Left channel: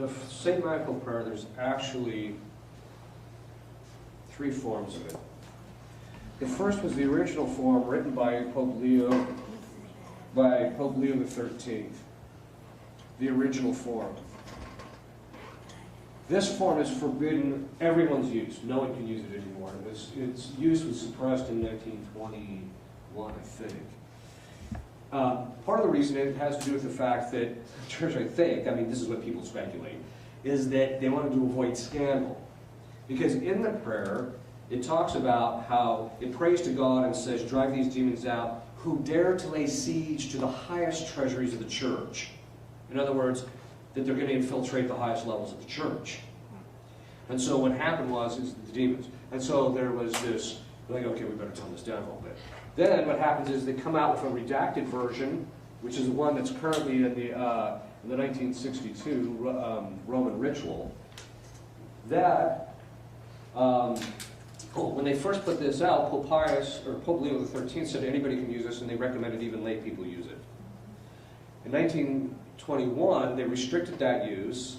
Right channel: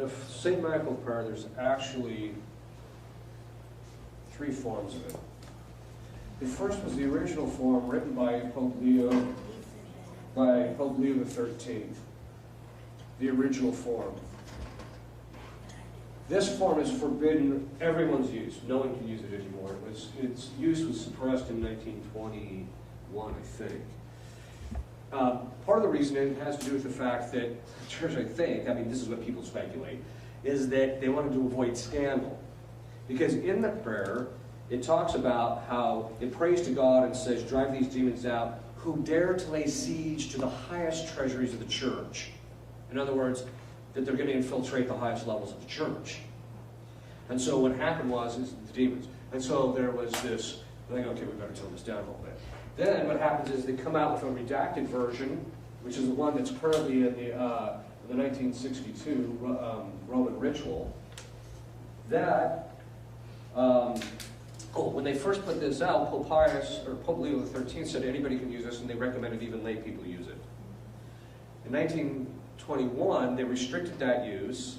The St. Michael prayer, there's actually 3 forms of it. The first was the original form written by Pope Leo XIII. The original form. This form is forbidden everyone's use. No one can use it anymore. Its use was suppressed in 1921, I think. Part of the reason it has to do with the fact that the church, I think, I mean, this is what people speculate, is that they wanted to avoid scandal. Because in the prayer, it talks about how it prays to God and says, drive these demons out who dare to lay siege to the highest treasuries of the church. In other words, that they're going to infiltrate the highest levels of the church. And so what happened was the demons. And so there was this, like, okay, we better tone this down a little bit. Then what happens is they come out with a redacted version, which is the one that's currently in the 1962 Roman ritual. That, when they first put this out, Pope Leo XIII said anybody can use this, and they recommended even lay people use it. In 1921, they restricted that use,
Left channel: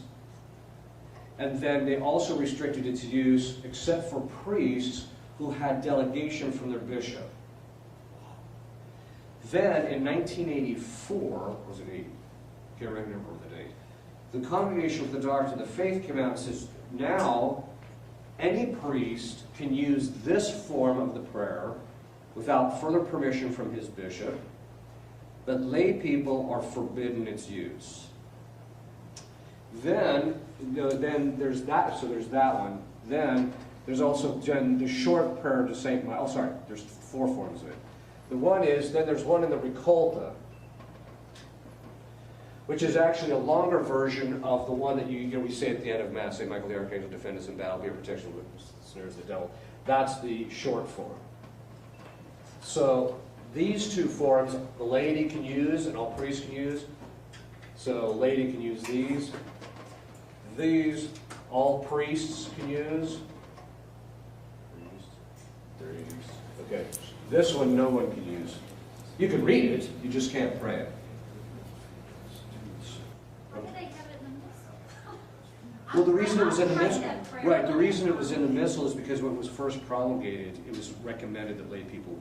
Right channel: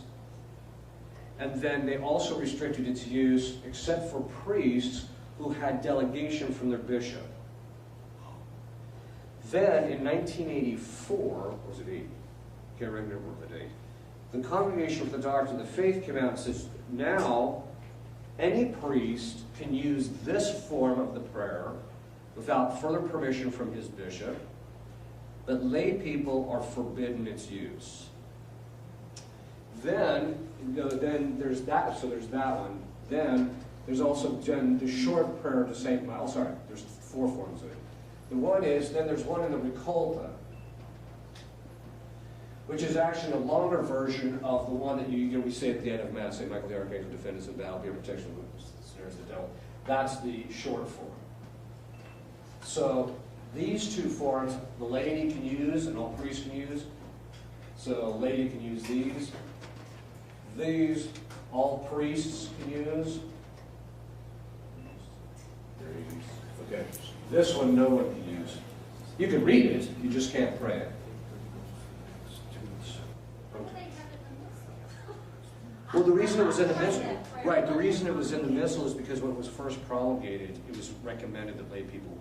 and then they also restricted its use except for priests who had delegation from their bishop. Then, in 1984, or was it 80? Can't remember the date. The Congregation for the Doctrine of the Faith came out and says, now, any priest can use this form of the prayer without further permission from his bishop, but lay people are forbidden its use. Then there's that, so there's that one. Then there's also the short prayer to St. Michael. Oh, sorry, there's 4 forms of it. The one is, then there's one in the Ricolta, which is actually a longer version of the one that we say at the end of Mass, St. Michael the Archangel, defend us in battle, be a protection of the snares of the devil. That's the short form. So these 2 forms, the laity can use and all priests can use. So laity can use these. These, all priests can use. Okay. This one, no one can use. You can read it, you just can't pray it. Well, the reason it was in the missal, right? The reason it was in the missal is because when it was first promulgated, it was recommended that lay people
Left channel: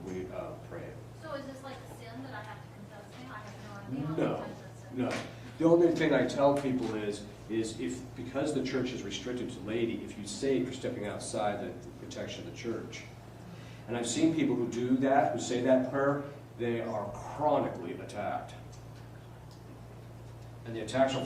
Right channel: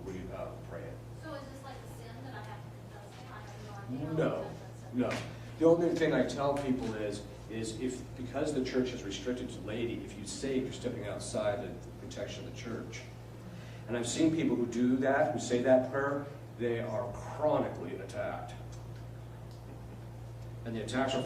pray it. So is this like a sin that I have to confess now? I have no idea. No. The only thing I tell people is because the church is restricted to laity, if you say it, you're stepping outside the protection of the church. And I've seen people who do that, who say that prayer, they are chronically attacked. And the attacks are